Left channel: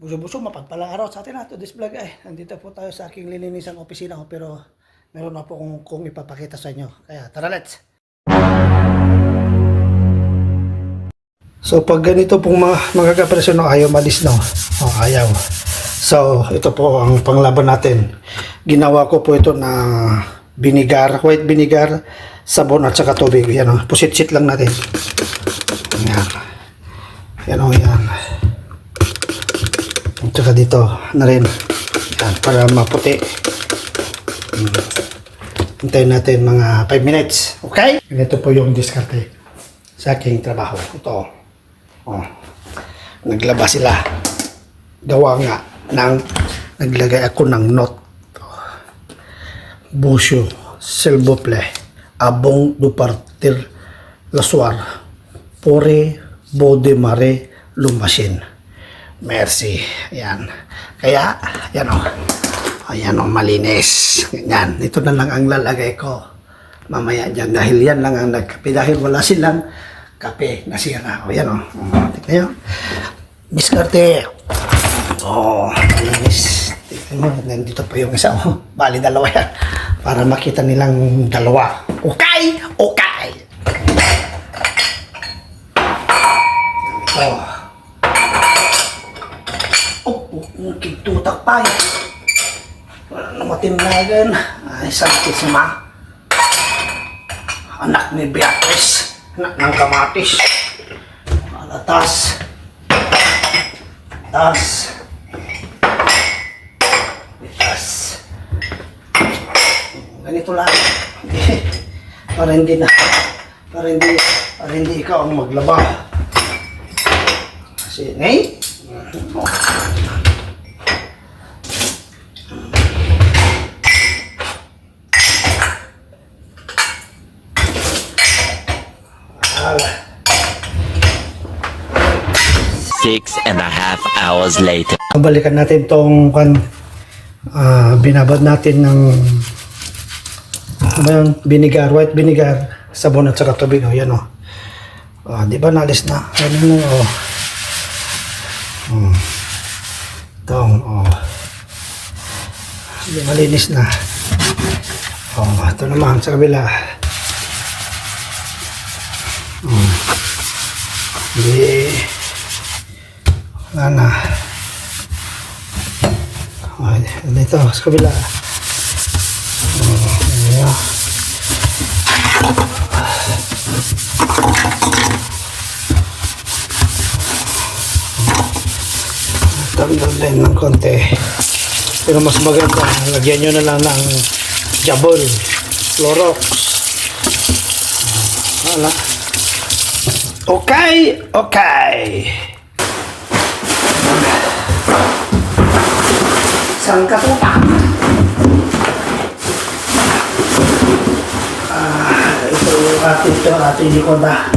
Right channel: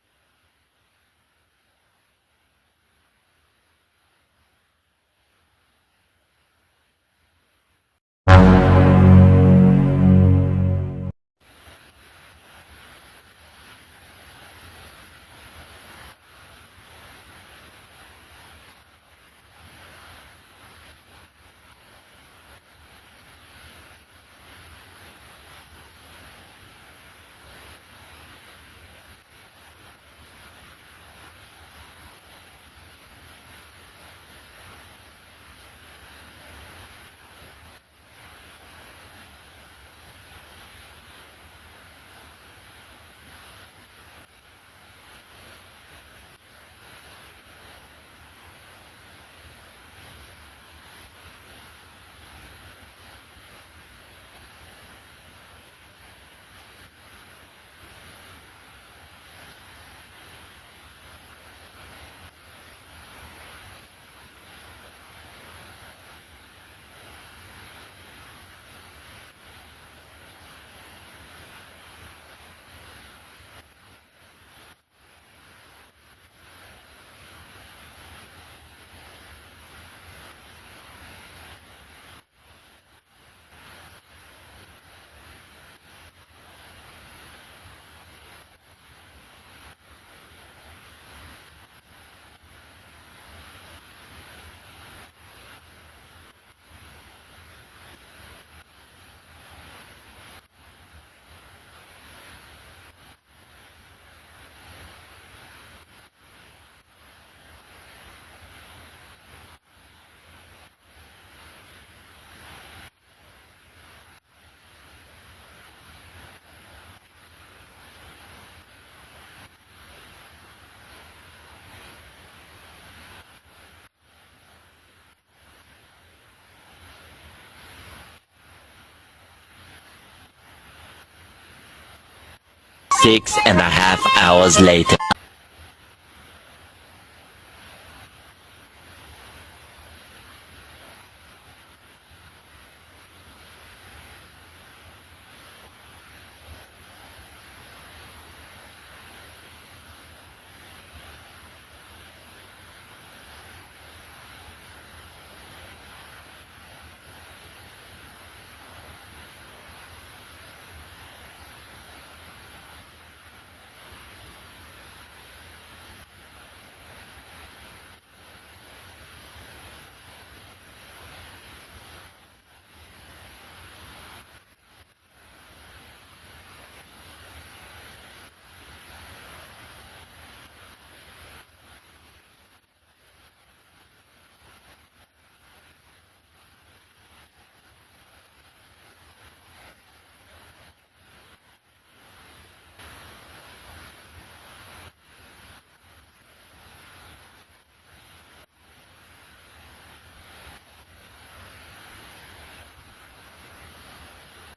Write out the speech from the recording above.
Buso-buso, mapagpalang araw sa atin na to this vlog ay. Nandito po tayo sa aking lininisang opisina ko pero meron na po kung ipapakita sa inyo. Kaya tara, let's! So pag ganito pong mga kapresyon, no, ayaw malis, no? O, ayaw. So ito po ang panglaban natin. Ginawa ko po ito na vinegar, white vinegar, sabon at saka tubig. Yan, o, pusit-sit lang natin. Yan. Yan, o, yan. At saka dito na rin. Yan, para maputi. Hintayin natin mga 5 minutes. Okay? Ito po yung diskarte sa aking trabaho. Ito. Oh. Naglaba sila. Gawa nga ng naglagay ako ng note. Busyo, Selbople, Abong du partir la soir, Pore, Bode Mare, Lumasin. Merci. Ayan. Kaya, yan o. Ayan o, malinis. Ganyan. Ito na lang ang lalagay ko. Mamaya dyan. Dahil yan lang ang nagkape. Dahil wala silang kape. Nasira. O, yan o. Tignan nyo. Diskarte. O, malinis. Tignan mo. Nandito pa yung isa. O, bali dalawa yan. Para makita nilang dalawa. Okay? Okay. Ito. Kitutak pa yan. Wala na matimlagan. Ay, sakit si Ma. Anak ni Beatrice. Anak ng kamatis. Alatas. Tas. Tas. Ganito lang. Para hindi na. Para hindi ikaw ang maglaba. Kasi, ngay. Six and a half hours later. Balikan natin tong binabad natin ng vinegar, white vinegar, sabon at saka tubig. O, yan o. Di ba nalis na? Ano o. Itong o. Hindi, malinis na. O, ito naman sa kabila. Hindi. Wala na. Dito sa kabila. Tanggal din ng konti. Pero mas maganda, lagyan nyo na lang ng Jabol, Clorox. Wala. Okay, okay. Isang katutak. Ito yung ating likod na.